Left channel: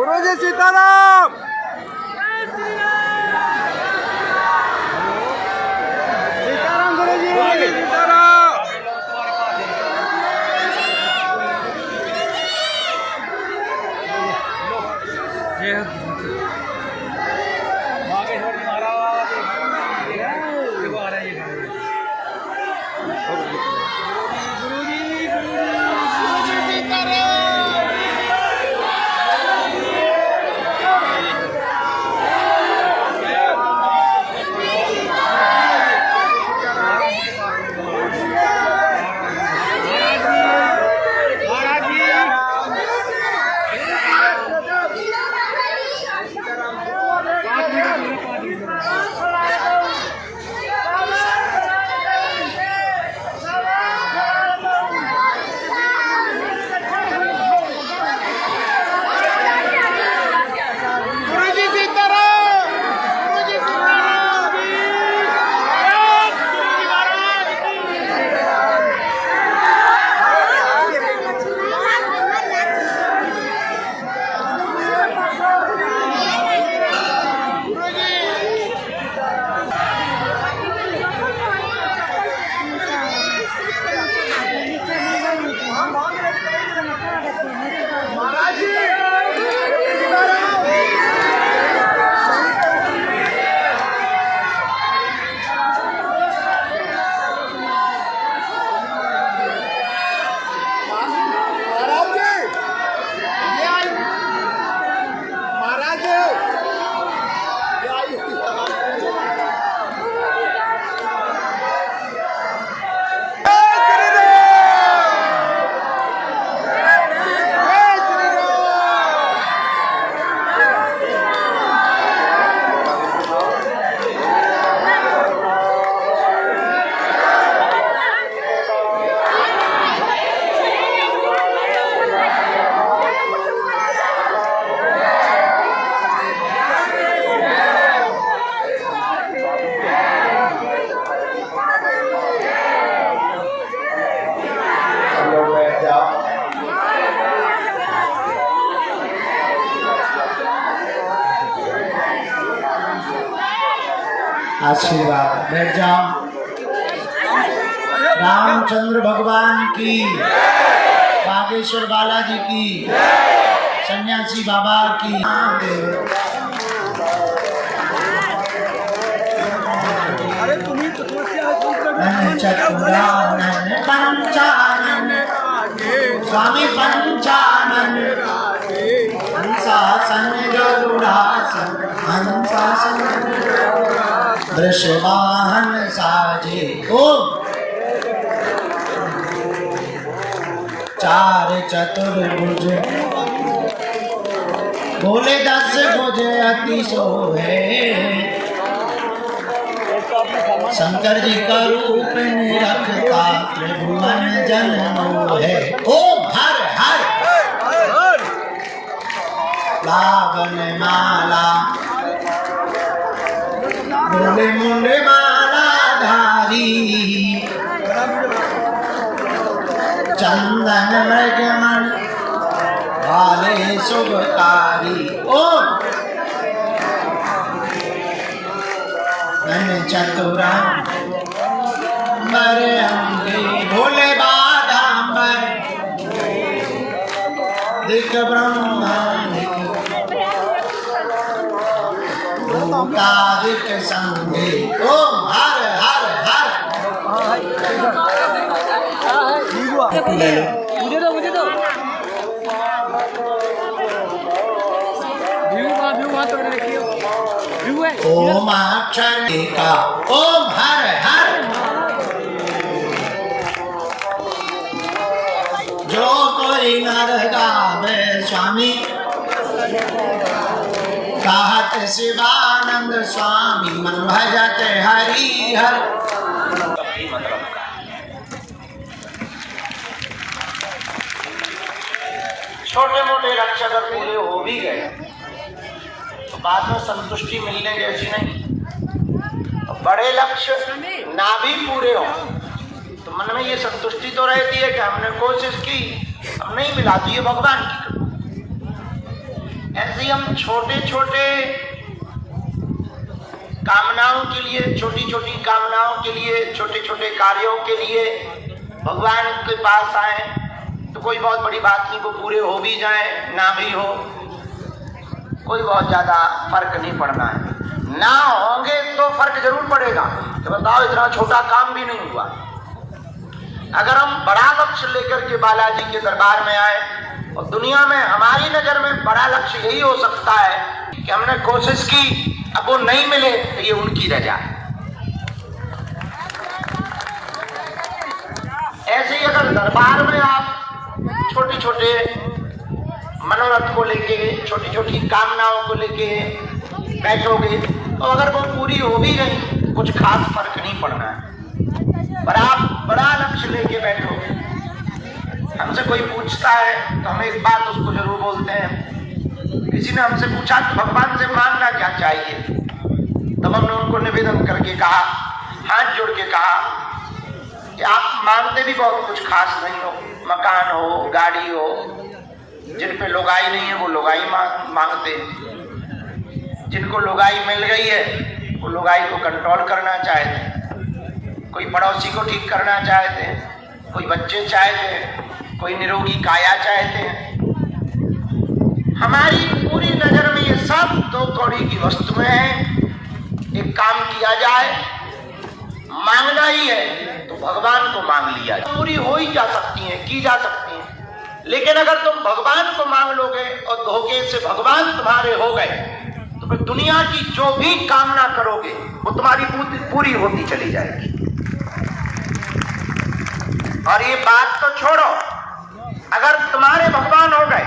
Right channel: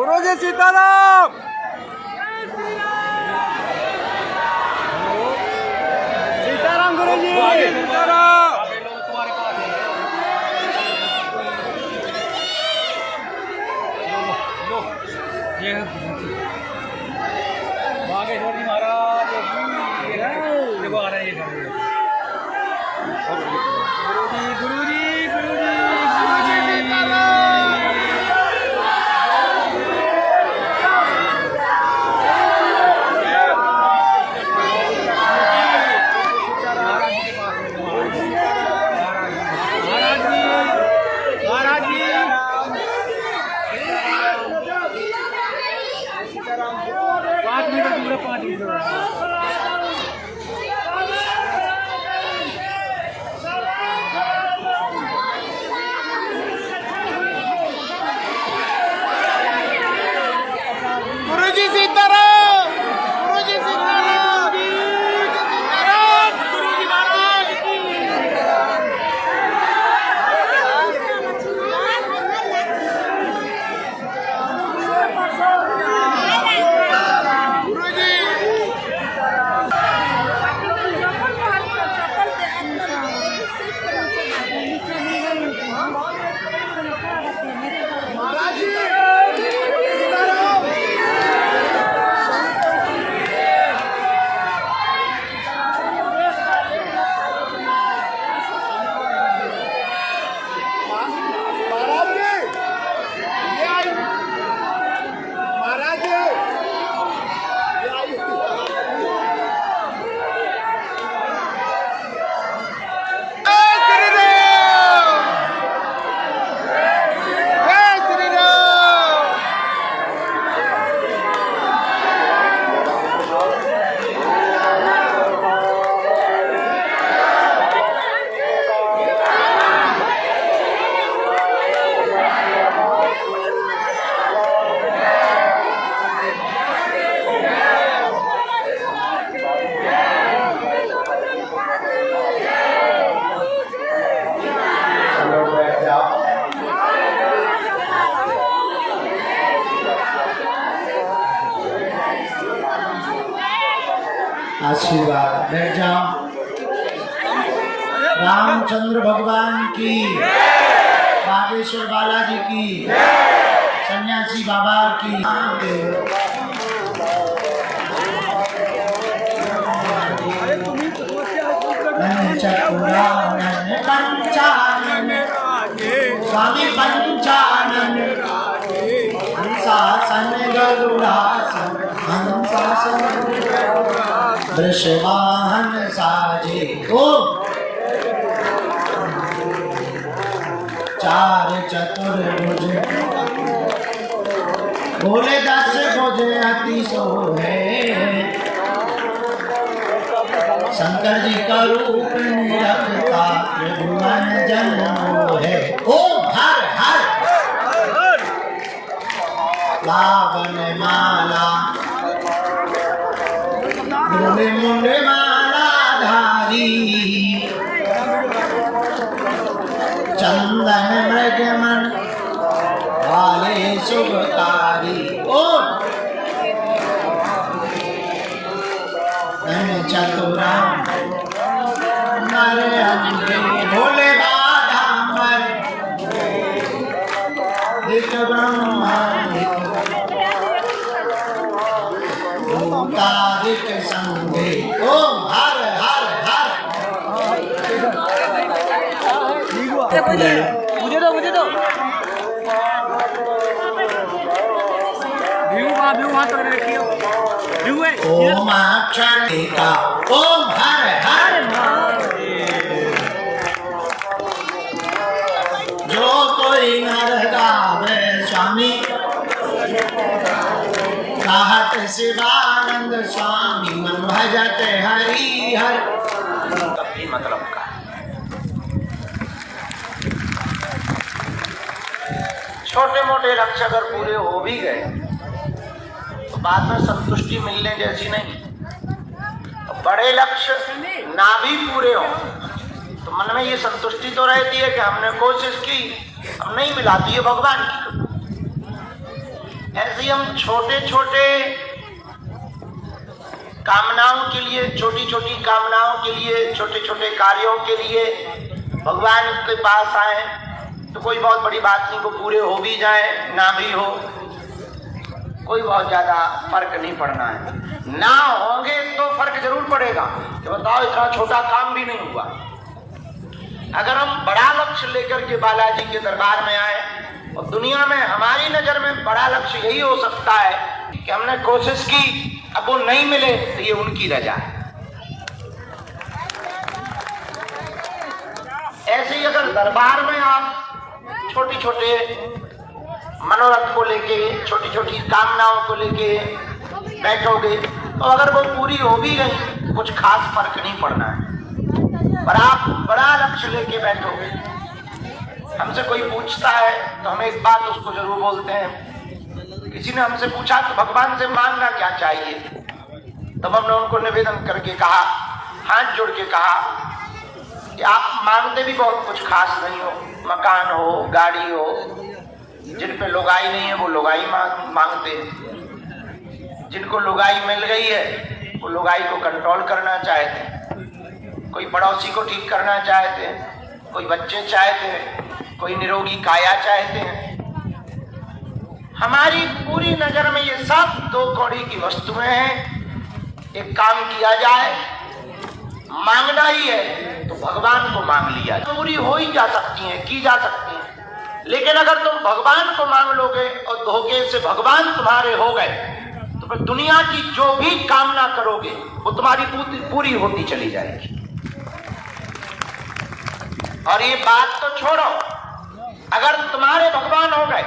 गुरुजी सीताराम। सीताराम गुरुजी सीताराम। आशीर्वाद बैठ जाओ। रामचंद्र भगवान की, बागेश्वर बालाजी की, सन्यासी बाबा की। स्वामी पंचानन हंसासन गरुड़ासन हंसासन वृषवाहन साजे को चार चतुर्भुज बोले 10 भुज अति सोहे। शंकर जी का रूप निरखता त्रिभुवन जन मोहे। ओम हर हर लावन माला बोले मुंडे माला धारी। चंदन मृगमन वाले शुभकारी। ओम चतुराम भोले बाधांबर दिख ब्रह्मादिक संगे। ओम हर हर हर। मुझे दो ओम अक्षर का। ओम हर हर। जो कोई नर गावे स्वामी कहत शिवानंद स्वामी मन भजत हरि हर। कभी मतलब का छोटे मोटे लक्ष्य अगर पूरे हो भी गए तो बाद में संतुष्टि मिलने जैसी नहीं। बड़े लक्ष्य ना भी पूरे हो तो मन में ये संतुष्टि तो रहती है कि हमने कोशिश की, अब नहीं मिला तो ये भगवान की कृपा। ऐसे ही हम छोटे छोटे कामनाओं के लिए, छोटी छोटी कामनाओं के लिए, छोटे छोटे कार्यों के लिए भगवान के पास आए तो कोई बहुत बड़ी बात नहीं, वो पूरे हो भी जाए ना भी हो, कोई बहुत ज्यादा फर्क नहीं पड़ना है। ना होंगे तो फर्क जरूर पड़ेगा कि बताओ इतना छोटा काम भी नहीं हुआ। अगर हम बड़ा लक्ष्य लेकर के बालाजी के दरबार में आए, और दुनिया में हमारी नजर में बड़ा लक्ष्य यही हो सकता है कि हमने कोशिश की, अब वो नहीं मिले तो ये उनकी रजा है। ऐसे ही अगर दरबार में आप छोटे छोटे मनोरथ को लेके, छोटी छोटी कामनाओं को लेके बैठोगे तो अगर वो पूरी हो भी गई कुछ खास फर्क नहीं पड़ना है। पर आप बड़ा लक्ष्य लेके बैठोगे, हमसे कोई पूछता है तो हम एक बात उसको जरूर बोलते हैं। किसी ने हमसे पूछा तो भगवान से मांगना क्या चाहिए, तब हमने उनको निवेदन करके कहा, हाथ जोड़ के कहा कि आप मांगते भी बहुत कुछ खास नहीं हो, मकान हो, गाड़ी हो, जिन पे लुगाई नहीं है वो लुगाई मांगते हैं, जिनको लुगाई मिल गई है वो लुगाई को कंट्रोल करना चाहते हैं, कोई पड़ोसी को ठीक करना चाहते हैं, कोई बच्चे चाहते हैं, कोई निरोगी काया चाहते हैं। हमारी पूरी नजर में ये सब दो कौड़ी की वस्तुएं हैं। एक काम किया जाए, मांगना ही है तो भगवान को मांग लिया जाए, पूरी हो ही जा सकती हैं, की जा सकती हैं। लेकिन अगर तुम भगवान को मांग लोगे और धोखे से भगवान तुम्हारे हो गए तो फिर दुनिया की जो भी कामना करोगे वो तुम्हारी पूरी होती चली जाएगी। और ये बात तो छोड़ो, अगर तुम्हारे भगवान हो गए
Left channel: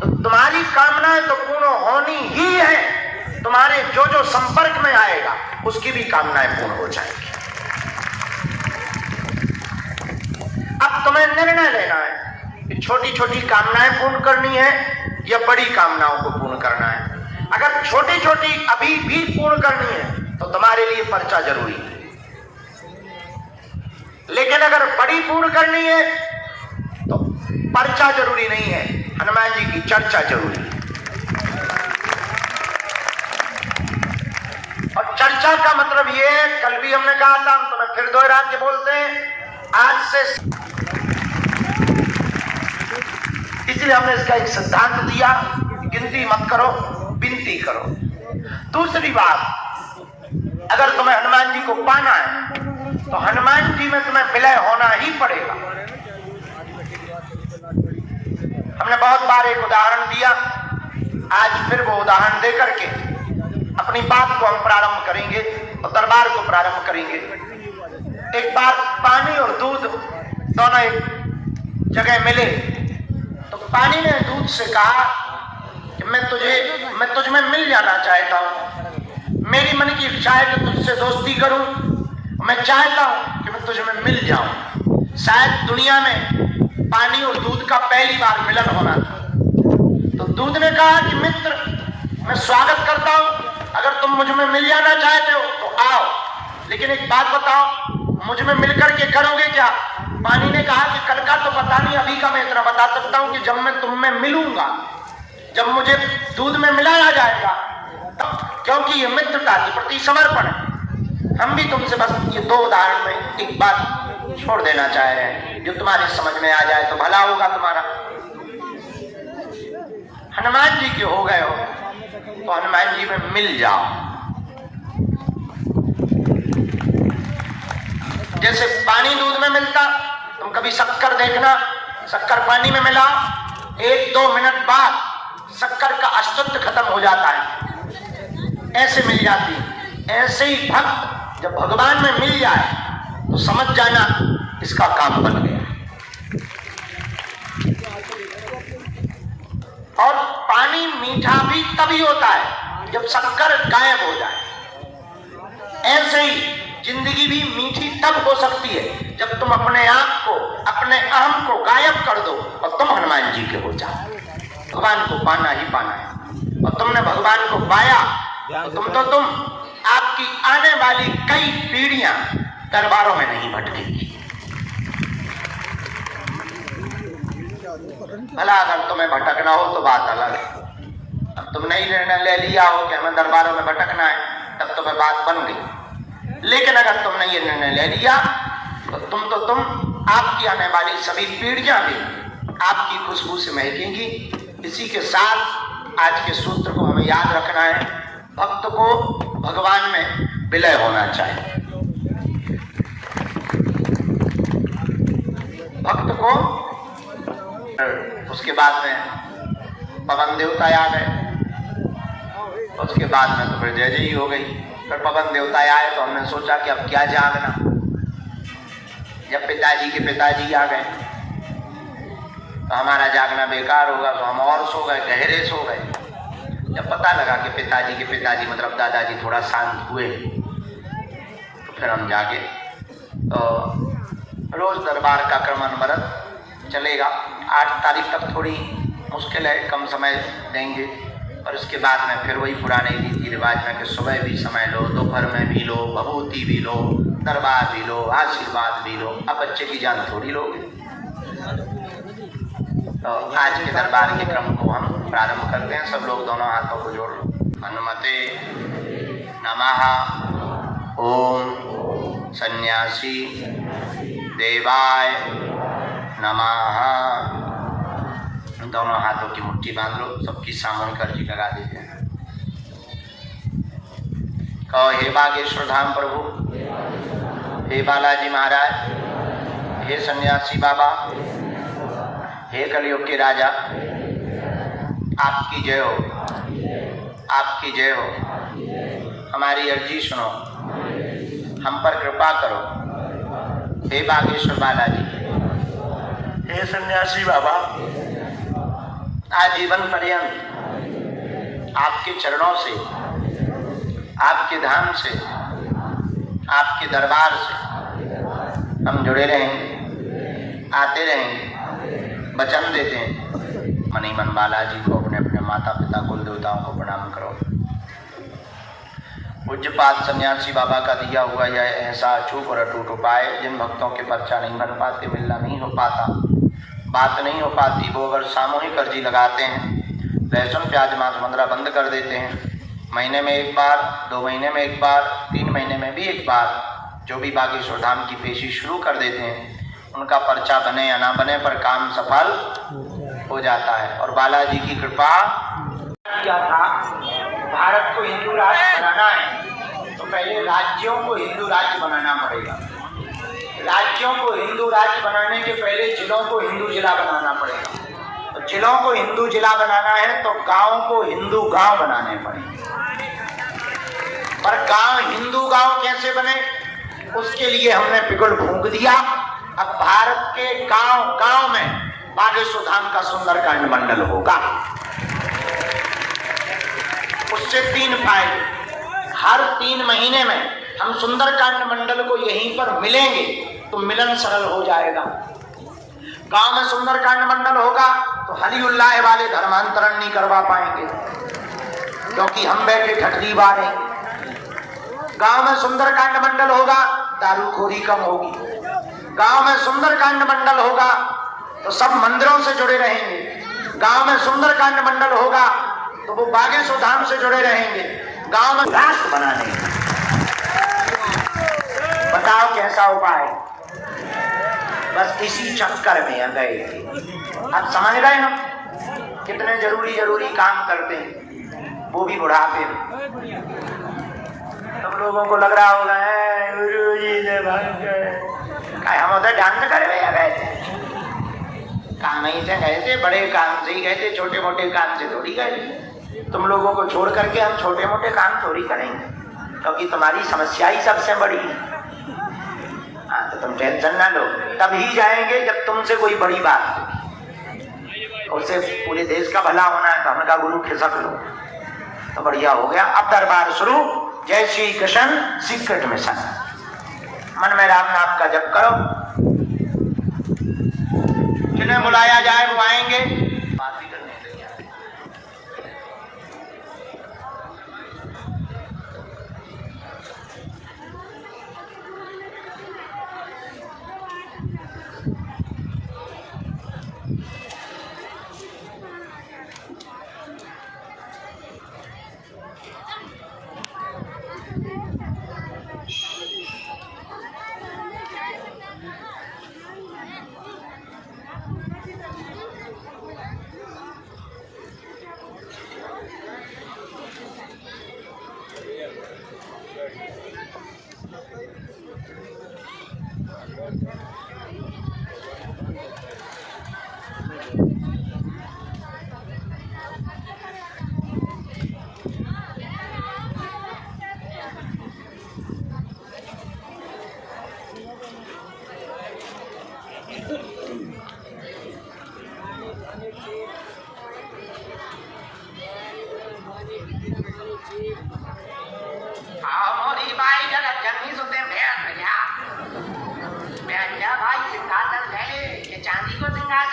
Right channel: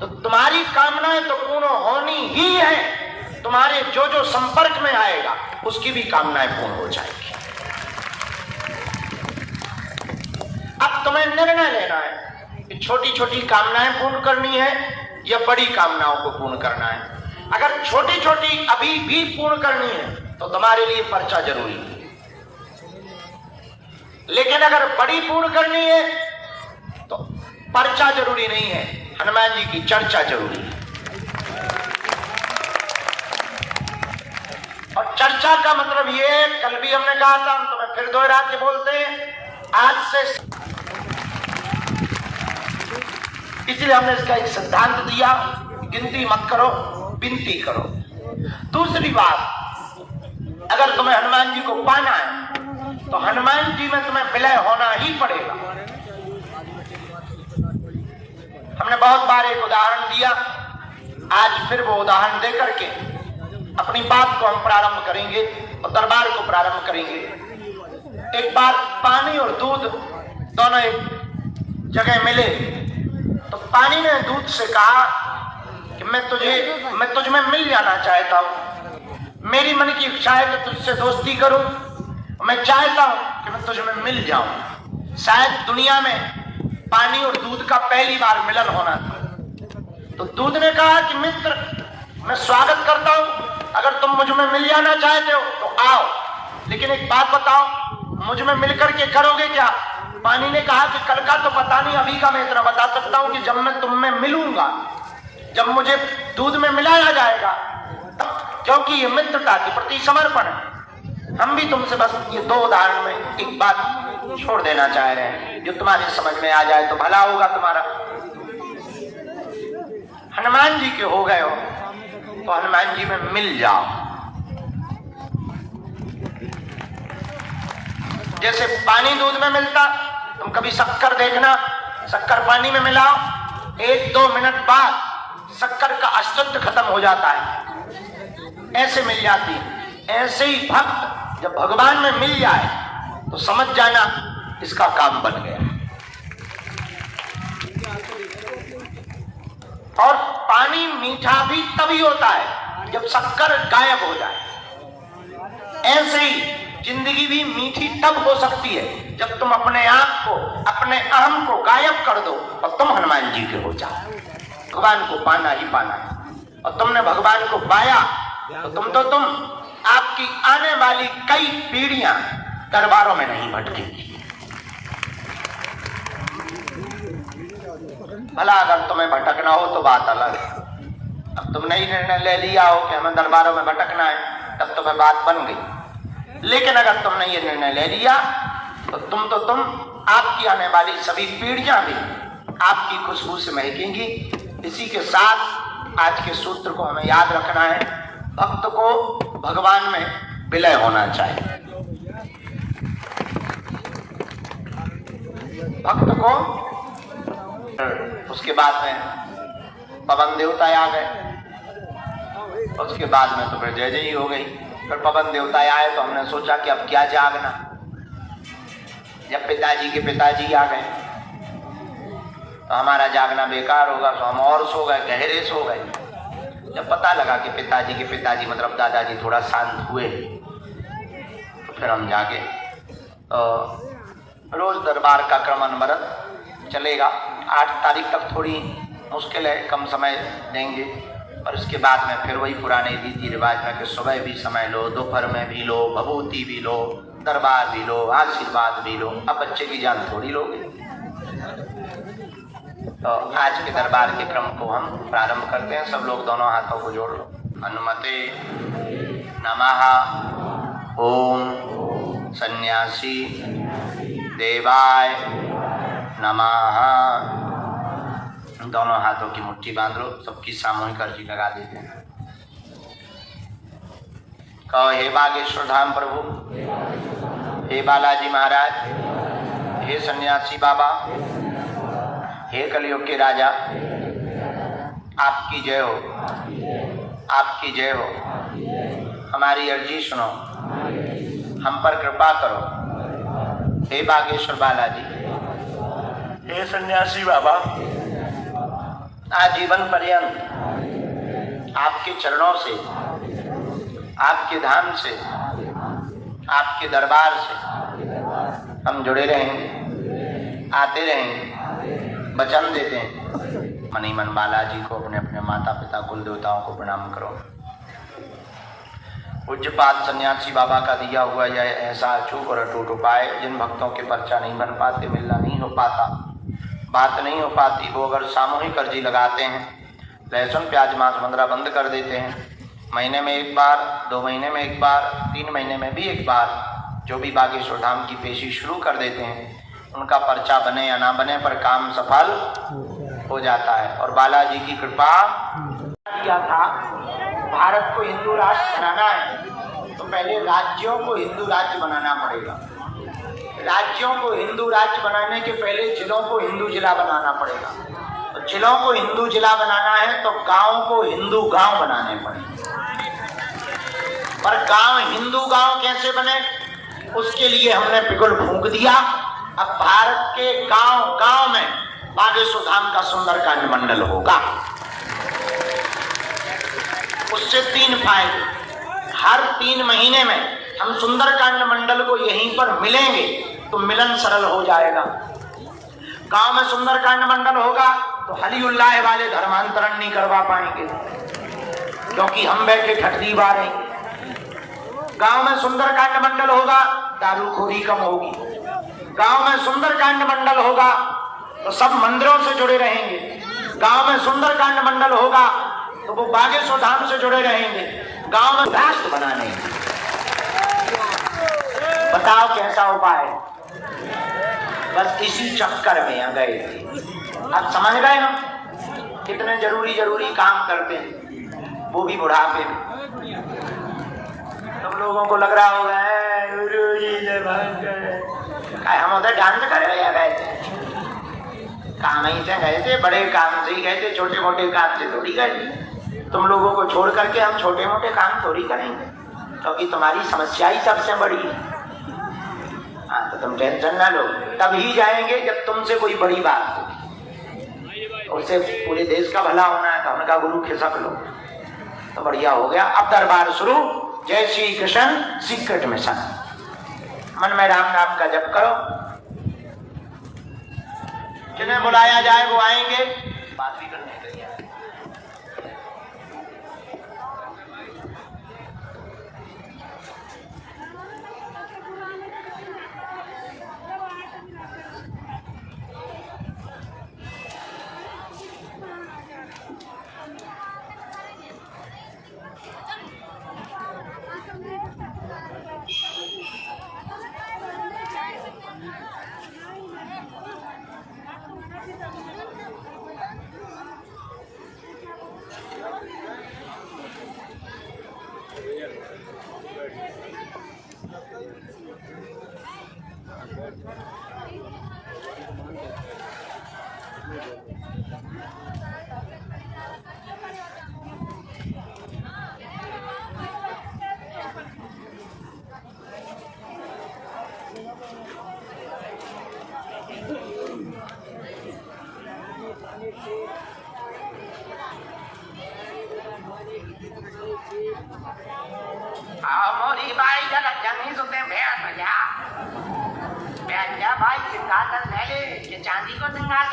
तो तुम्हारी कामनाएं तो पूर्ण होनी ही है, तुम्हारे जो जो संपर्क में आएगा उसकी भी कामनाएं पूर्ण हो जाएगी। अब तुम्हें निर्णय लेना है कि छोटी छोटी कामनाएं पूर्ण करनी है या बड़ी कामनाओं को पूर्ण करना है। अगर छोटी छोटी अभी भी पूर्ण करनी है तो तुम्हारे लिए पर्चा जरूरी है, लेकिन अगर बड़ी पूर्ण करनी है तो पर्चा जरूरी नहीं है, हनुमान जी की चर्चा जरूरी है। और चर्चा का मतलब ये है, कल भी हमने कहा था, हम तुम्हें फिर दोहरा के बोलते हैं, आज से इसलिए हमने इसका एक सिद्धांत दिया, गिनती मत करो, विनती करो। दूसरी बात, अगर तुम्हें हनुमान जी को पाना है तो हनुमान जी में तुम्हें विलय होना ही पड़ेगा। हमने बहुत बार एक उदाहरण दिया, आज फिर वो उदाहरण दे करके अपनी बात को हम प्रारंभ करेंगे और दरबार को प्रारंभ करेंगे। एक बार पानी और दूध दोनों एक जगह मिले तो पानी ने दूध से कहा कि मैं तुझ में मिल जाना चाहता हूं, मेरी मन की इच्छा है कि तुझसे दोस्ती करूं, मैं चाहता हूं कि मैं तुझ में मिल जाऊं। शायद दुनिया में पानी और दूध का पहली बार मिलन होना था। तो दूध ने कहा कि मित्र, मैं स्वागत करता हूं, अगर तुम मुझ में मिल जाना चाहते हो तो आओ, लेकिन एक बात बताओ, मुझ में मिलकर के करोगे क्या? पानी ने कहा कि कल का तो पता नहीं, अभी का मैं इतना बता सकता हूं कि जब मैं तुम में मिलूंगा, जब मुझे दूध में मिलाया जाएगा, क्योंकि ये मित्रता के प्रति समर्पण है। हम भी तुमसे बस ये दो उदाहरण में एक बात छोड़ देना चाह रहे हैं, जो तुम्हारी समझ में आ जाए तो भला होगा तुम्हारा। हनुमान जी के हो गए हो तो हनुमान जी में मिल जाओ। जैसे पानी दूध में मिलता, तुम कभी शक्कर देखना, शक्कर पानी में मिलाओ, 1-2 मिनट बाद शक्कर का अस्तित्व खत्म हो जाता है, ऐसे मिल जाती है। ऐसे ही भक्त जब भगवान में मिल जाए तो समझ जाना इसका काम बन गया। और पानी मीठा भी तभी होता है जब शक्कर गायब हो जाए। ऐसे ही जिंदगी भी मीठी तब हो सकती है जब तुम अपने आप को, अपने अहम को गायब कर दो और तुम हनुमान जी के हो जाओ। भगवान को पाना ही पाना है, और तुमने भगवान को पाया तो तुम आपकी आने वाली कई पीढ़ियां दरबारों में नहीं भटकेगी। भला अगर तुम्हें भटकना हो तो बात अलग है, अब तुमने ही निर्णय ले लिया हो कि हमें दरबारों में भटकना है, तब तो बात बन गई। लेकिन अगर तुमने ये निर्णय ले लिया तो तुम आपकी आने वाली सभी पीढ़ियां भी आपकी खुशबू से महकेंगी। इसी के साथ आज के सूत्र को हमें याद रखना है, भक्त को भगवान में विलय होना चाहिए। भक्त को उसके बाद में पवन देवता आ गए, उसके बाद में तो फिर जय जय हो गई। फिर पवन देवता आए तो हमने सोचा कि अब क्या जागना। जब पिताजी के पिताजी आ गए तो हमारा जागना बेकार होगा, तो हम और सो गए, गहरे सो गए। जब पता लगा कि पिताजी के पिताजी मतलब दादाजी थोड़ा शांत हुए तो फिर हम जागे। तो रोज दरबार का क्रम अनवरत चलेगा। 8 तारीख तक थोड़ी मुश्किल है, कम समय देंगे, और उसके बाद में फिर वही पुराने रीति रिवाज में कि सुबह भी समय लो, दोपहर में भी लो, भभूति भी लो, दरबार भी लो, आशीर्वाद भी लो। अब बच्चे की जान थोड़ी लोगे। तो आज के दरबार के क्रम को हम प्रारंभ करते हैं। सब लोग दोनों हाथों को जोड़ लो। हनुमते नमः। ओम सन्यासी देवाय नमः। दोनों हाथों की मुट्ठी बांध लो। सबकी सामूहिक अर्जी लगा देते हैं। कहो, हे बागेश्वर धाम प्रभु, हे बालाजी महाराज, हे सन्यासी बाबा, हे कलयुग के राजा, आपकी जय हो, आपकी जय हो। हमारी अर्जी सुनो, हम पर कृपा करो। हे बागेश्वर बालाजी, हे सन्यासी बाबा, आजीवन पर्यंत आपके चरणों से, आपके धाम से, आपके दरबार से हम जुड़े रहेंगे, आते रहेंगे। वचन देते हैं। मन ही मन बालाजी को, अपने अपने माता पिता कुल देवताओं को प्रणाम करो। पूज्यपाद सन्यासी बाबा का दिया हुआ यह ऐसा अचूक और अटूट उपाय, जिन भक्तों के पर्चा नहीं बन पाते, मिलना नहीं हो पाता, बात नहीं हो पाती, वो अगर सामूहिक अर्जी लगाते हैं, लहसुन प्याज मांस मंद्रा बंद कर देते हैं, महीने में एक बार, 2 महीने में एक बार, 3 महीने में भी एक बार, जो भी बागेश्वर धाम की पेशी शुरू कर देते हैं, उनका पर्चा बने या ना बने पर काम सफल हो जाता है। और बालाजी की कृपा किया था। भारत को हिंदू राष्ट्र बनाना है तो पहले राज्यों को हिंदू राज्य बनाना पड़ेगा। राज्यों को हिंदू राज्य बनाने के पहले जिलों को हिंदू जिला बनाना पड़ेगा। और जिलों को हिंदू जिला बनाना है तो गांव को हिंदू गांव बनाने पड़ेंगे। पर गांव हिंदू गांव कैसे बने, उसके लिए हमने पिघल फूंक दिया। अब भारत के गांव गांव में बागेश्वर धाम का सुंदरकांड मंडल होगा। उससे 3 फायदे। हर 3 महीने में हम सुंदरकांड मंडल को यहीं पर मिलेंगे तो मिलन सरल हो जाएगा। गांव में सुंदरकांड मंडल होगा तो हली उल्लाह वाले धर्मांतरण नहीं करवा पाएंगे, क्योंकि हम बैठे ठटदी बारेंगे। गांव में सुंदरकांड मंडल होगा, दारूखोरी कम होगी। गांव में सुंदरकांड मंडल होगा तो सब मंदिरों से जुड़े रहेंगे। गांव में सुंदरकांड मंडल होगा तो वो बागेश्वर धाम से जुड़े रहेंगे। गांव में राष्ट्र बनाने, बताओ कैसा उपाय। बस इसी चक्कर में आ गए थे। अब समझ गए हम कितने जरूरी काम करते हैं, वो भी बुढ़ापे में। सब लोगों को लग रहा होगा गुरुजी से भाग गए। हम उधर डांस कर गए थे, काम ही से गए थे, बड़े काम से ही गए थे, छोटे मोटे काम से थोड़ी गए। तुम लोगों को छोड़ करके हम छोटे मोटे काम थोड़ी करेंगे, क्योंकि तुम्हारी समस्या ही सबसे बड़ी है। हाँ, तो तुम टेंशन ना लो, तब ही जाएंगे जब तुमसे कोई बड़ी बात हो। उसे पूरे देश का भला होना है तो हमने कहा गुरु खिसक लो, तो बढ़िया हो गया। अब दरबार शुरू। जय श्री कृष्ण सीक्रेट मिशन। मन में राम नाम का जप करो। जिन्हें बुलाया जाए वो आएंगे, बात भी करने के लिए।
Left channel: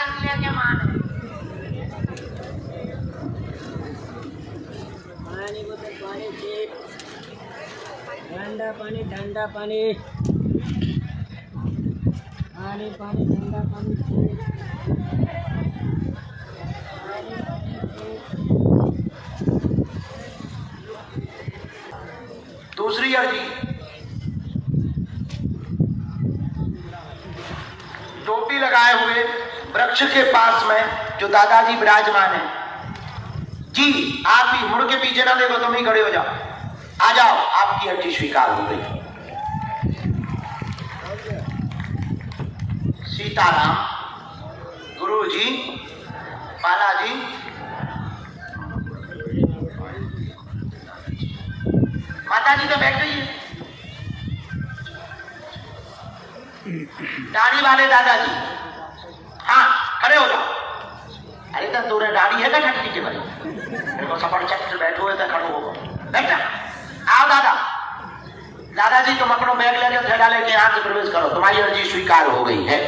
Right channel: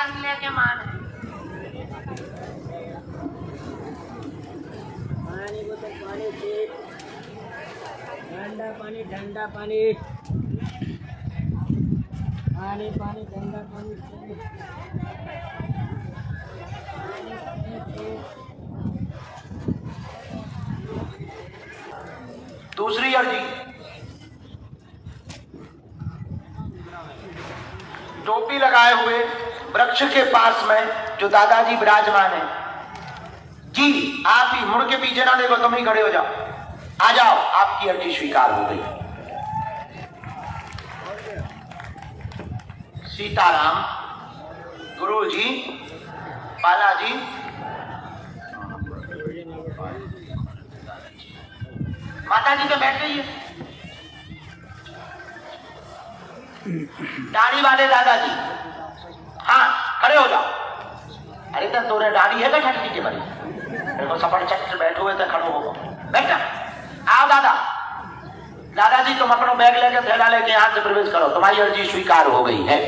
पानी लेके माने पानी बोतल पानी चिप ठंडा पानी ठंडा पानी पानी पानी ठंडा पानी चिप दूसरी अर्जी, टोपी लगाए हुए वृक्ष के पास में जो दादाजी विराजमान है जी, आप ही मुड़ के पीछे ना देखो, तुम ही खड़े हो जाओ, आ जाओ, आपकी अर्जी स्वीकार हो गई। सीताराम, गुरुजी, बालाजी, माता जी तो बैठ गई है, दाढ़ी वाले दादाजी, हाँ खड़े हो जाओ। अरे तो तोरे दाढ़ी है क्या छटकी के बड़ी, मेरे को सफर चक्कर बैठे हुए थे, खड़ो हो बैठा। आओ दादा, दादाजी तुम अपना बैग लेके थैला लेके यहाँ से प्रवेश करो, तुम्हारी अर्जी स्वीकार हो गई है।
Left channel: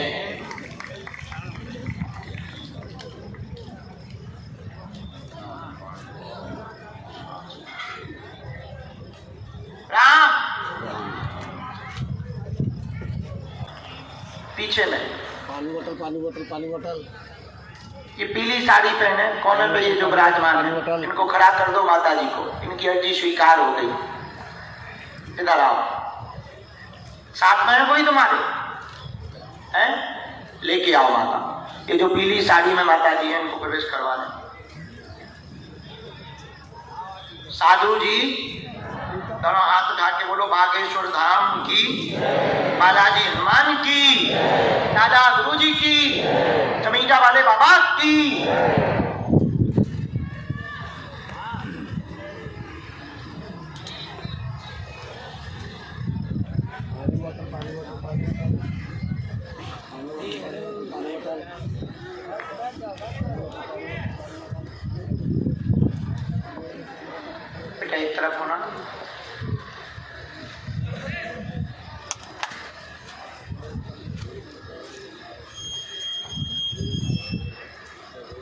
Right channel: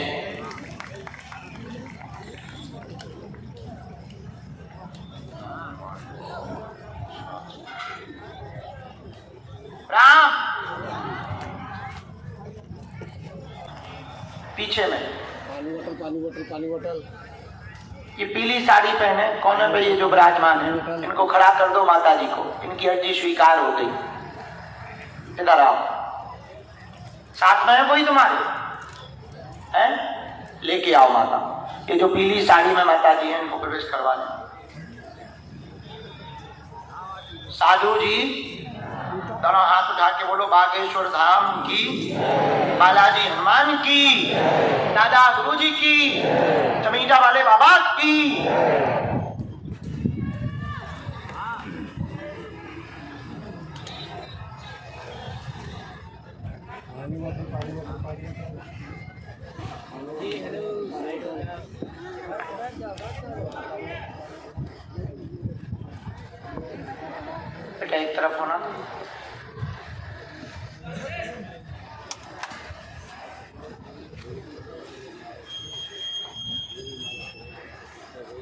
राम, पीछे में पानी बोतल पानी बोतल पानी बोतल। ये पीली साड़ी पहने कोने पे ये जो विराजमान है, इनको खड़ा कर दो माता जी को, इनकी अर्जी स्वीकार हो गई। इधर आओ, साथ में है कोई तुम्हारे, हैं? लेके आओ माता, ये जो पीली साड़ी में माता जी है इनको प्रवेश करवा दें। साधु जी दोनों हाथ उठा के बोलो, बागेश्वर धाम की, बालाजी हनुमान की, दादा गुरुजी की, चमीटा वाले बाबा की। पानी बोतल पानी बोतल पानी बोतल। बेटा एक तरफ होना,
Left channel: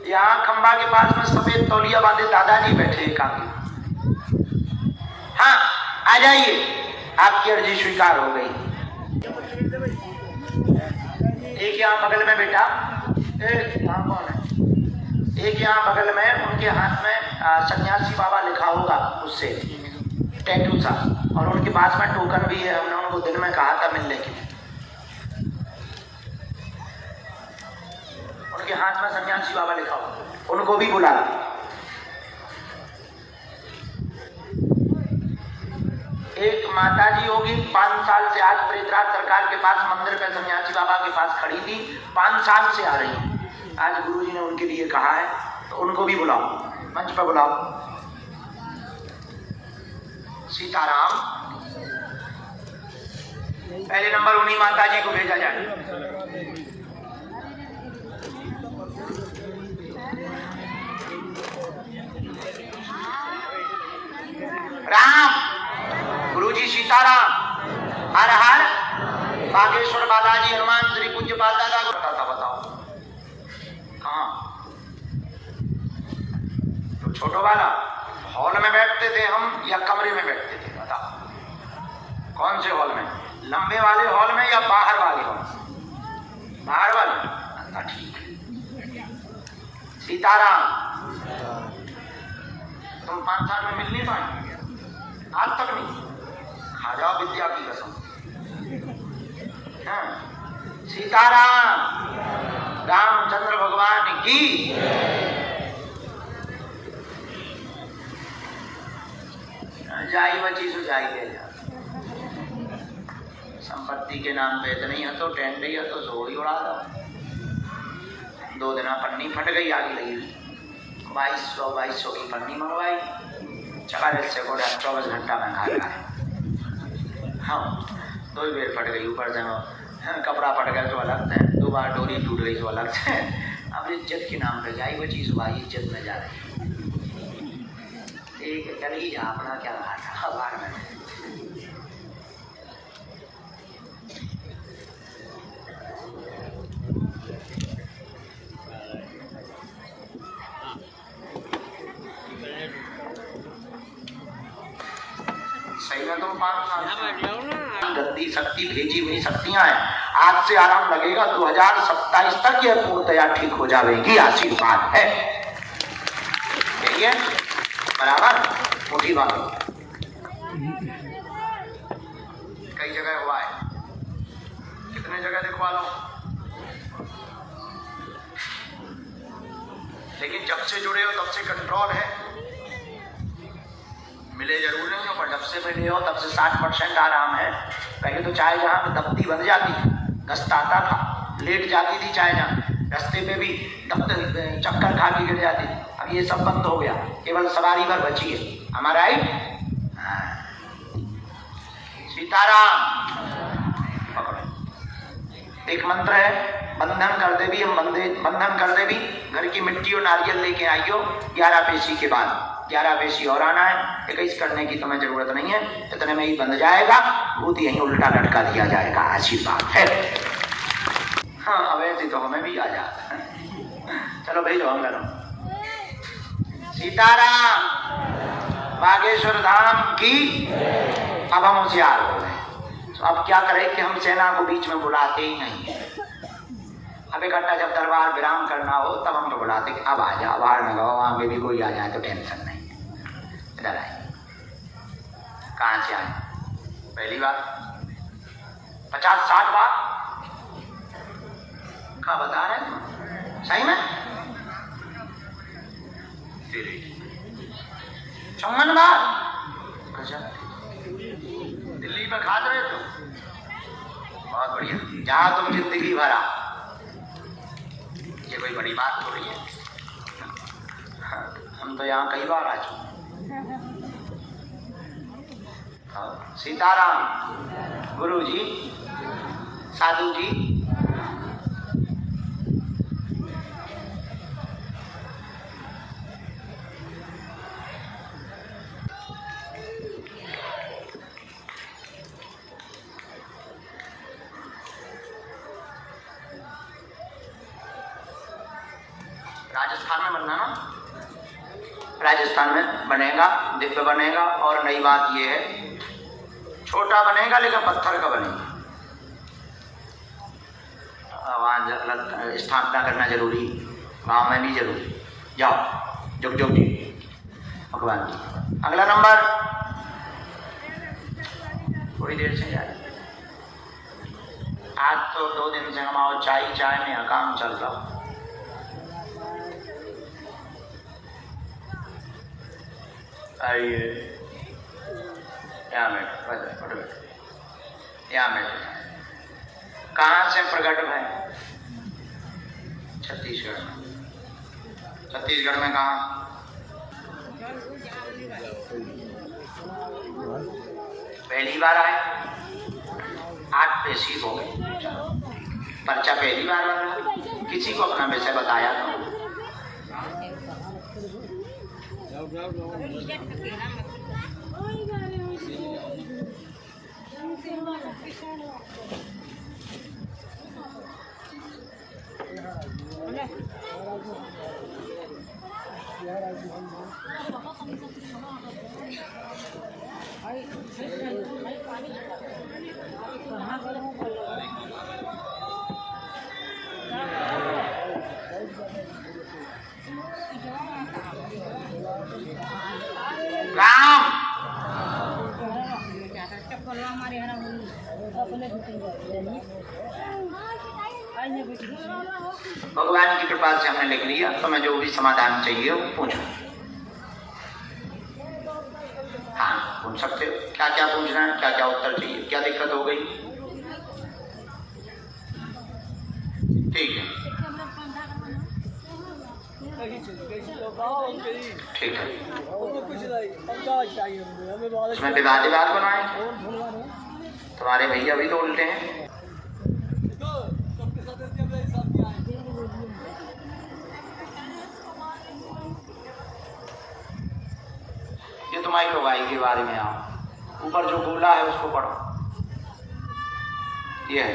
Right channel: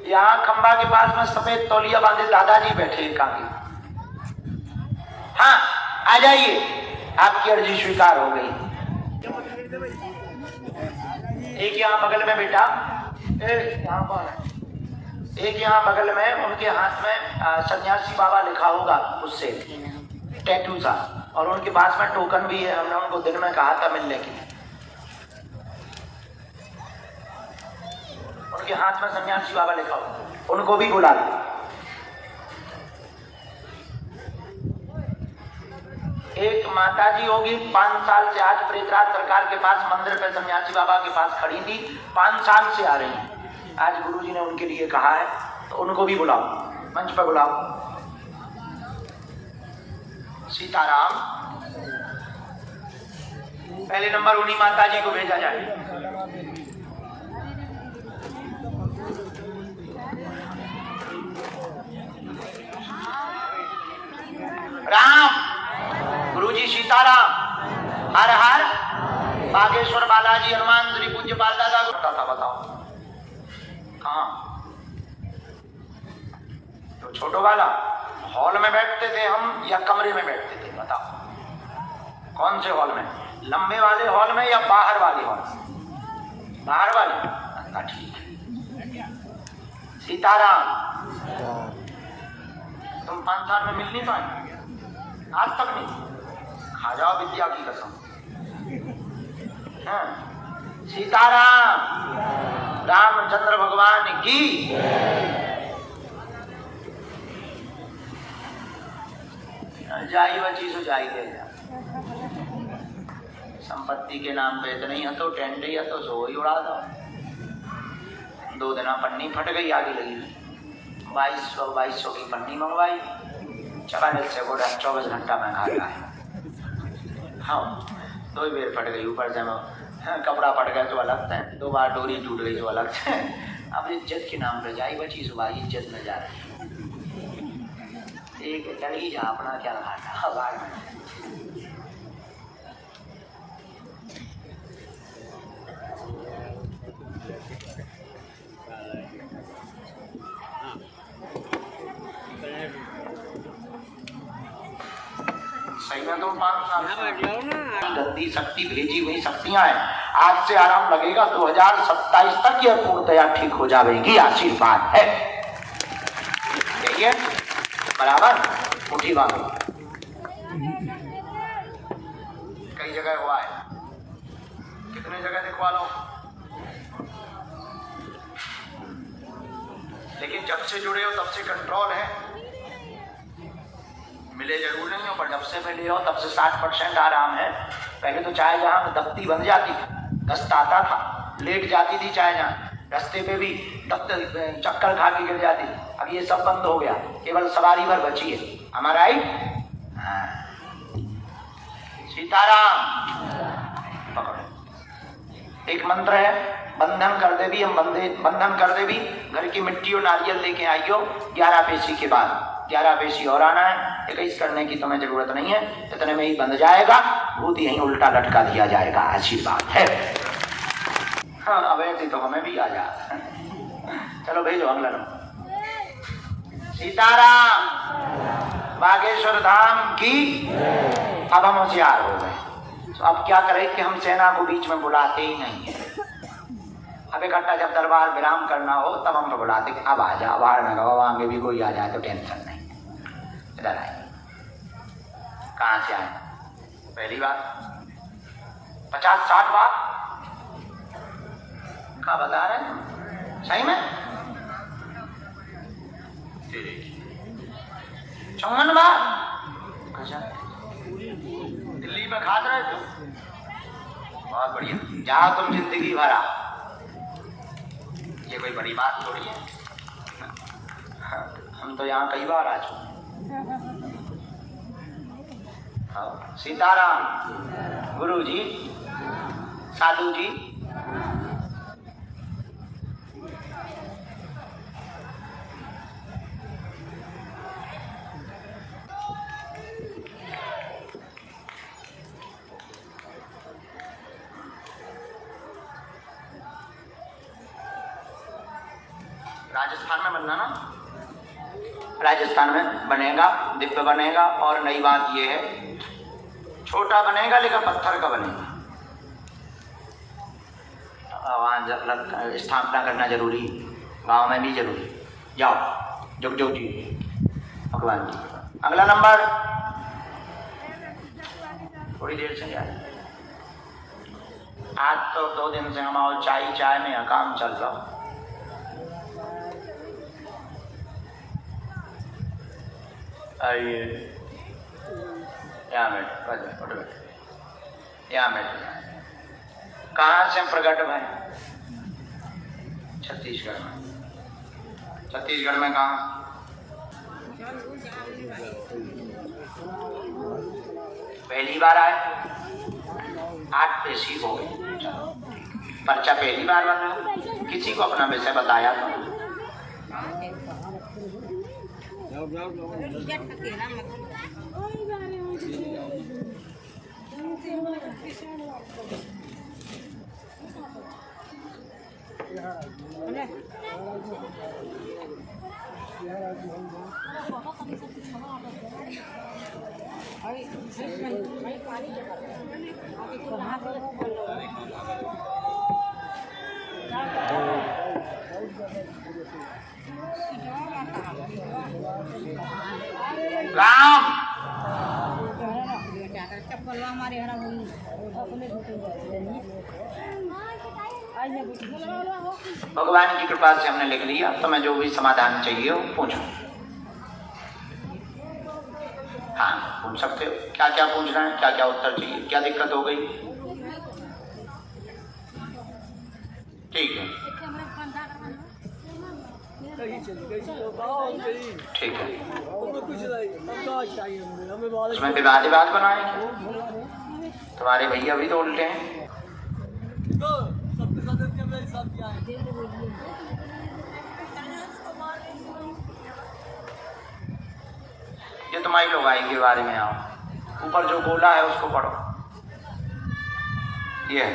यहाँ खंबा के पास में सफेद तौलिया बांधे दादाजी बैठे एक आगे। हाँ आ जाइए, आपकी अर्जी स्वीकार हो गई। एक यहाँ बगल में बेटा, यहाँ कौन है, एक यहाँ बगल में, उनके हाथ में सन्यासी बाबा लिखा होगा उससे टैटू सा, और उनके पास में टोकन भी है, हमने उनको दिन में कहा था मिलने के लिए। उनके हाथ में सन्यासी बाबा लिखा हो, उनको भी बुला लो। एक माता जी होगी 5 साल से आज प्रेतराज सरकार के पास मंदिर पे सन्यासी बाबा के पास खड़ी थी, 5 साल से आ रही है। आज गुरुजी ने उनके लिए कहा है, तो उनको भी बुलाओ, मंच पर बुलाओ। सीताराम, पहले नंबर उन्हीं माता जी को भेजा जाए। राम, गुरुजी सीताराम, हर हर बागेश्वर बालाजी हनुमान श्री पूज्य पाल दादा को था, बताओ कहाँ? तो छोटो वाला हॉल में बैठते थे हम या कमरे में बैठते थे, बताओ कौन से हॉल में, लंबे वाले हॉल में या बाहर वाले हॉल? बाहर वाले, ठीक है। सीताराम, तुम 5 साल में मिल नहीं पाए, आज तक नहीं, खा जाओ विद्या की कसम। हाँ। सीताराम, रामचंद्र भगवान की। जाई बची सो जाई गए जा, संपत्ति के नाम पे इतनी है तो टेंट ही है तो सो ही उड़ा दो। 2 दिन पन्नी फट गई, आगे लगी 2200 की पन्नी मंगवाई, चला जैसे को 24 घंटा में खाता है। हाँ 2 बेर फट गई, ऊपर से कपड़ा फट गया तो अलग था, 2 बार डोरी टूट गई तो अलग से। अब इज्जत के नाम पे जाई बची सुबह इज्जत में जा रही। ठीक है, चल ही जा, अपना क्या घाटा बाहर में। सही में तो 5 साल गद्दी शक्ति भेजी हुई शक्तियां हैं। आज से आराम लगेगा, 2027 तक यह पूर्णतया ठीक हो जाएगी, आशीर्वाद है। यही है बराबर, मुट्ठी बांधो। कई जगह हुआ है, कितने जगह दिखवा लो, लेकिन जब से जुड़े हो तब से कंट्रोल है। मिले जरूर नहीं हो, पर जब से मिले हो तब से 60% आराम है। पहले तो चाय जहां में दबती बन जाती, दस्त आता था, लेट जाती थी चाय जहां, रास्ते पे भी चक्कर खा के गिर जाती थी। अब ये सब बंद हो गया, केवल सवारी भर बची है। हमारा ही सीताराम पकड़ो। एक मंत्र है, बंधन कर दे भी, हम बंधन कर दे भी, घर की मिट्टी और नारियल लेके आइयो 11 पेशी के बाद। 11 पेशी और आना है, 21 करने की तुम्हें जरूरत नहीं है, इतने में ही बंध जाएगा। भूत यहीं उल्टा लटका दिया जाएगा, आशीर्वाद है। हाँ, अब ऐसे तो हमें भी आ जाता। चलो भेजो अगला नंबर। सीताराम, बागेश्वर धाम की। अब हम होशियार हो गए, तो अब क्या करें कि हम सेना को बीच में बुलाते ही नहीं है। अब इकट्ठा जब दरबार विराम करना हो तब हम तो बुलाते कि अब आ जाओ, बाहर न गो, आगे भी कोई आ जाए तो टेंशन नहीं, इधर आए। कहाँ से आए? पहली बार 50-60 बार क्या बता रहे हैं? सही में 54 बार। अच्छा, दिल्ली में खाते रहे तो बहुत बढ़िया। जहाँ तुम जिंदगी भरा, ये कोई बड़ी बात थोड़ी है। हम तो यहाँ कई बार आ चुके। सीताराम, गुरु जी, साधु जी, राजस्थान में बनना ना, राजस्थान में बनेगा, दिव्य बनेगा। और नई बात यह है, छोटा बनेगा लेकिन पत्थर का बनेगा। वहाँ स्थापना करना जरूरी, गांव में भी जरूरी। जाओ जुग जुग जी, भगवान जी। अगला नंबर, थोड़ी देर से जाए। आज तो 2 दिन से हम चाय में काम चल रहा। आइए यहाँ बैठो, यहाँ बैठो। कहाँ से प्रकट भाई? छत्तीसगढ़ में। छत्तीसगढ़ में कहाँ? पहली बार आए, 8 पेशी हो गए। चलो, पर्चा पहली बार बन रहा है। किसी को अपना विषय बताया तो राम भगवान की कृपा से हमने लिख लिया। तो मैं जो भी समाधान चाहिए वो पूछो। हाँ, पूछ सकते हो। क्या क्या पूछना है, क्या क्या उत्तर चाहिए, क्या दिक्कत हो गई? ठीक है, ठीक है। उसमें विवाद बनाए। तुम्हारे भैया भी तो उल्टे हैं। ये तुम्हारी लुगाई के बारे में आओ। ऊपर जो गोला है उसको पढ़ो। ये है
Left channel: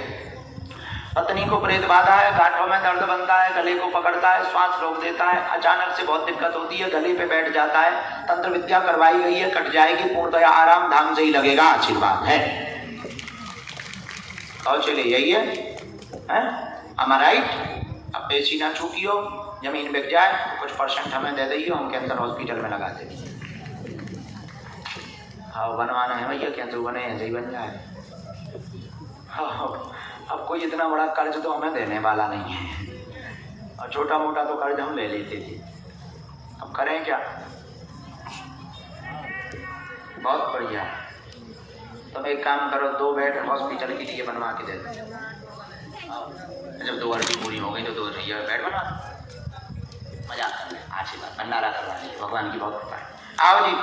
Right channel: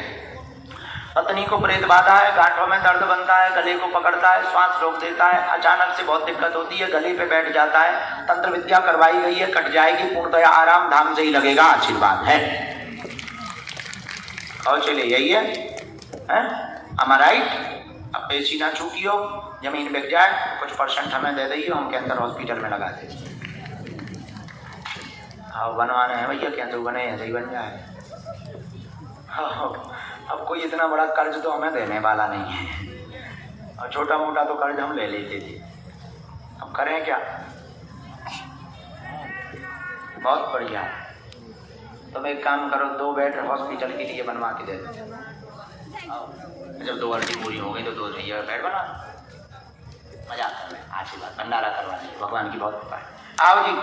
पत्नी को प्रेत बाधा है, गांठों में दर्द बनता है, गले को पकड़ता है, श्वास रोक देता है, अचानक से बहुत दिक्कत होती है, गले पे बैठ जाता है, तंत्र विद्या करवाई गई है, कट जाएगी, पूर्णतया आराम धाम से ही लगेगा, आशीर्वाद है। और चलिए यही है am I right? अब पैसी ना चूकियो, जमीन बिक जाए कुछ परसेंट हमें दे दीजिए, हम कैंसर हॉस्पिटल में लगा देंगे। हाँ बनवाने हैं भैया, कैंसर बने ऐसे ही बन जाए। अब कोई इतना बड़ा कर्ज तो हमें देने वाला नहीं है, और छोटा मोटा तो कर्ज हम ले लेते थे, अब करें क्या। बहुत बढ़िया है, तुम एक काम करो, 2 बेड हॉस्पिटल के लिए बनवा के दे दो। जब 2 अर्जी पूरी हो गई तो 2 बेड बना दो, मजाक कर रहे, आशीर्वाद भंडारा करवा लीजिए, भगवान की बहुत कृपा है। आओ जी।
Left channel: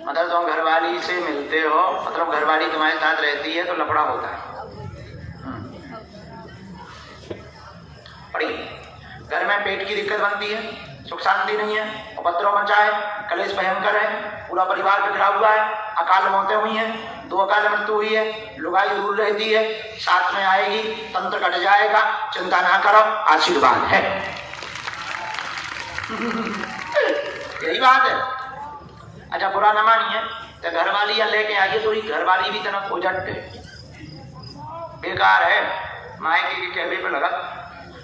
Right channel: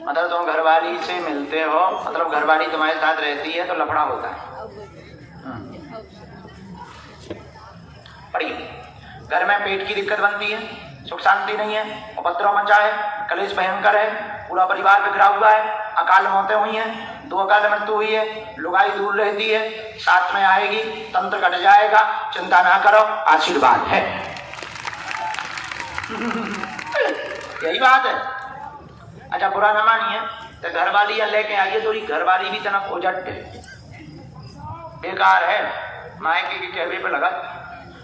मतलब तुम घरवाली से मिलते हो, मतलब घरवाली तुम्हारे साथ रहती है तो लफड़ा होता है। पढ़िए, घर में पेट की दिक्कत बनती है, सुख शांति नहीं है, उपद्रव मचा है, कलेश भयंकर है, पूरा परिवार बिखरा हुआ है, अकाल मौतें हुई हैं, 2 अकाल मृत्यु हुई है, लुगाई दूर रहती है, साथ में आएगी, तंत्र कट जाएगा, चिंता ना करो, आशीर्वाद है। यही बात है। अच्छा बुरा न मानिए, तो घरवाली या लेके आइए, तो घरवाली भी तना खोजट बेकार है, मायके के कहवे पे लगा,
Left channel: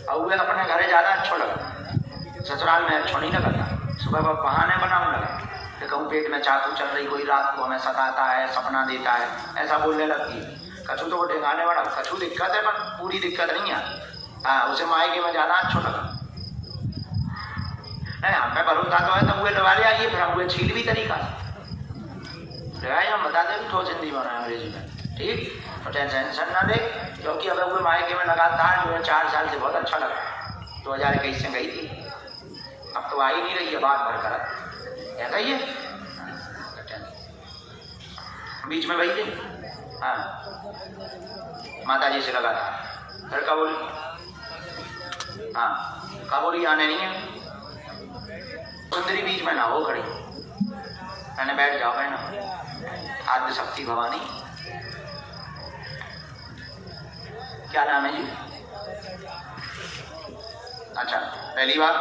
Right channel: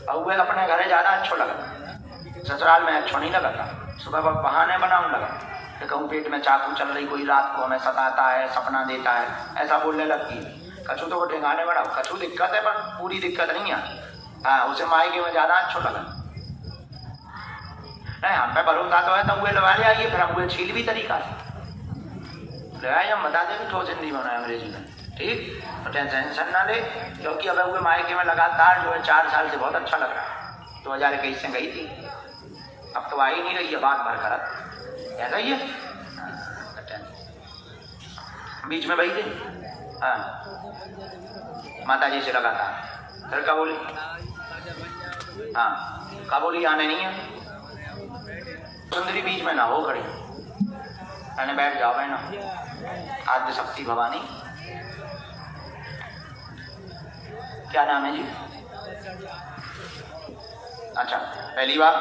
और वे अपने घरे ज्यादा अच्छा लगा, ससुराल में अच्छा नहीं लगता। सुबह बहाने बनाऊं लगा, तो कहूँ पेट में चाकू चल रही, कोई रात को हमें सताता है, सपना देता है, ऐसा बोलने लगती है। कछू तो वो ठिकाने बढ़ाओ, कछू दिक्कत है पर पूरी दिक्कत नहीं है। हाँ उसे मायके में ज्यादा अच्छा लगा। नहीं हम पे भरोसा तो है, तो वो लगा ले आइए, फिर हम वो छील भी तरीका से लगाए, हम बता दें ठोस हिंदी में अंग्रेजी में, ठीक। तो टेंशन ना ले, क्योंकि अब वो मायके में लगातार जो है 4 साल से बहुत अच्छा लग रहा है। 2021 से गई थी, अब तो आ ही नहीं रही है, बात भर कर ऐसा ही है। बीच में वही थी, हाँ माता जी से लगातार, फिर क्या बोली, हाँ क्या बोली, आने नहीं है। सुंदरी बीच में ना हो खड़ी, मैंने बैठ जाओ बहना, आद्य शक्ति भवानी। क्या नाम है जी? अच्छा पहली बार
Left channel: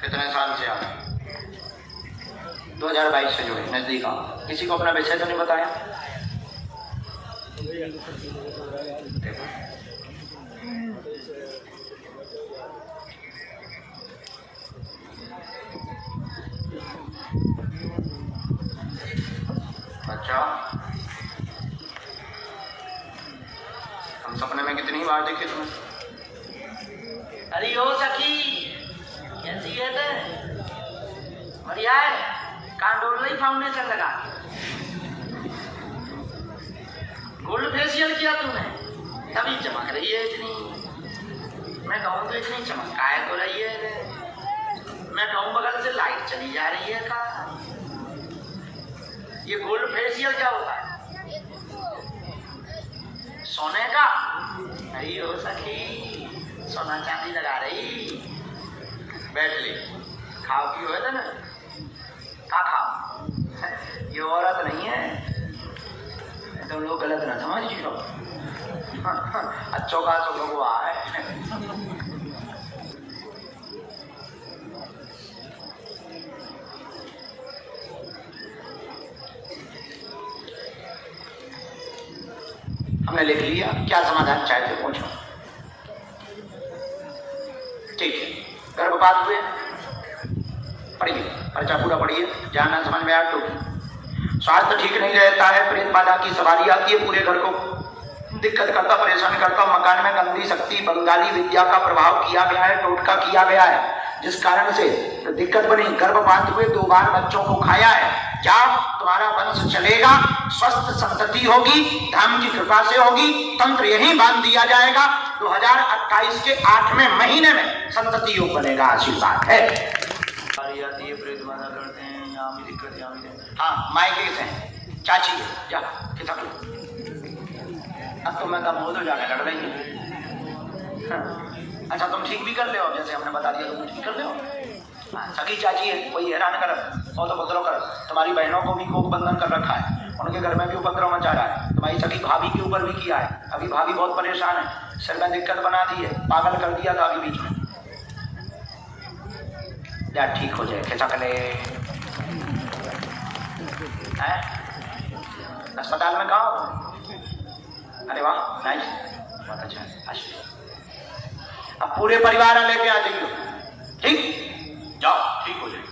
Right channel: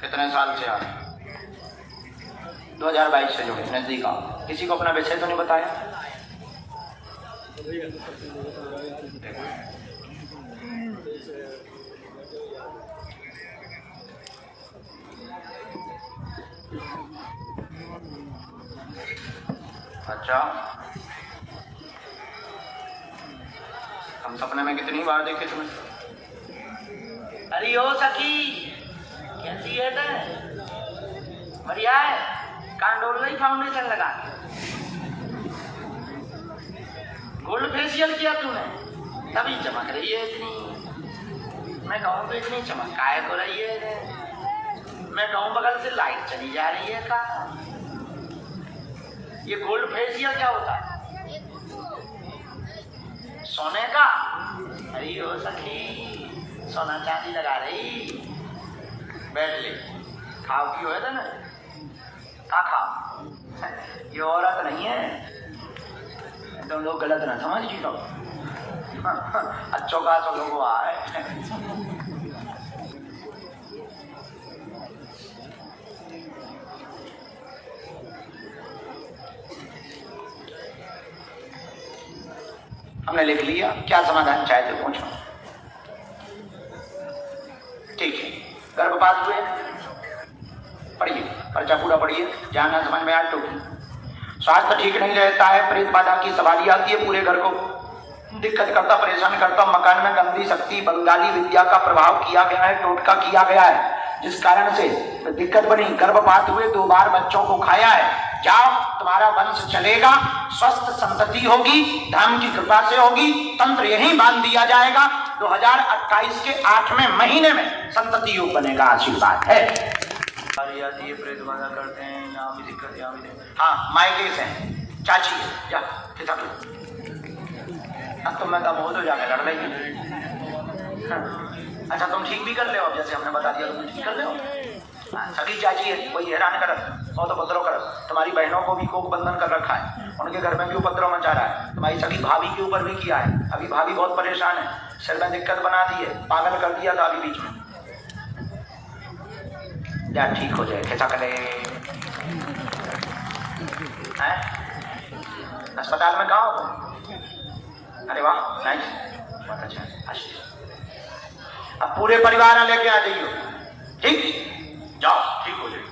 कितने साल से आ रहे? 2022 से जुड़े, नजदीक आओ। किसी को अपना विषय तो नहीं बताया? देखो अच्छा, हम सपने में कितनी बार देखे तुम्हें? अरे ओ सखी कैसी है ते? बढ़िया है, कहाँ डोल रही फाउंडेशन लगा के? गोल्ड फेशियल किया तूने, तभी चमक रही है इतनी। मैं कहूँ तो इतनी चमक काय को रही है, मैं कहूँ बगल से लाइट चली जा रही है का। ये गोल्ड फेशियल क्या होता है? सोने का? अरे ओ सखी सोना चांदी लगा रही, बैठ ले, खाओ की हो ना, का खाओ, ये औरत नहीं है, तुम लोग गलत ना समझ जी लोग, अच्छों का सब लोग आए। हमने लिख लिया, क्या समाधान चाहते पूछो। ठीक है, गर्भपात हुए, पढ़िए पर्चा पूरा पढ़िए, जहां ना समझ में आए टोकी। स्वास्थ्य ठीक नहीं रहता है, प्रेत बाधा की सवारी आती है, पूरे घर को दिक्कत करता, परेशान करता। मकान में गंदी शक्ति, बंगाली विद्या का प्रभाव किया गया है, टोटका किया गया है, जिस कारण से दिक्कत बनी। गर्भपात हुए, 2 बार बच्चों को खाया है। जाओ, तुम्हारा वंश चलेगा, स्वस्थ संतति होगी, धाम की कृपा से होगी। तंत्र यहीं बांध दिया जाएगा, 2028 के 8वें महीने में संतति योग बनेगा, आशीर्वाद है। आती है, प्रेत बाधा करते हैं, यहाँ भी दिक्कत, यहाँ भी। हाँ मायके से चाची है, जा खिसक लो। अब तो मैं कब हो तो जाके लड़ रही हूँ। हाँ। अच्छा तुम ठीक भी कर ले, जैसे हमने बता दिया तुम ठीक कर ले। हाँ सगी चाची है, कोई हैरान कर, और तो बदलो कर, तुम्हारी बहनों को भी कोक बंधन कर रखा है, उनके घर में भी उपद्रव मचा रहा है, तुम्हारी सगी भाभी के ऊपर भी किया है। अभी भाभी बहुत परेशान है, सिर में दिक्कत बना दी है, पागल कर दिया था अभी बीच में। या ठीक हो जाए, खिसक ले। अस्पताल में कहाँ हो? अरे वाह, नाइस, बहुत अच्छा, अच्छा। अब पूरे परिवार लेके आ जाइयो, ठीक? जाओ, ठीक हो जाए।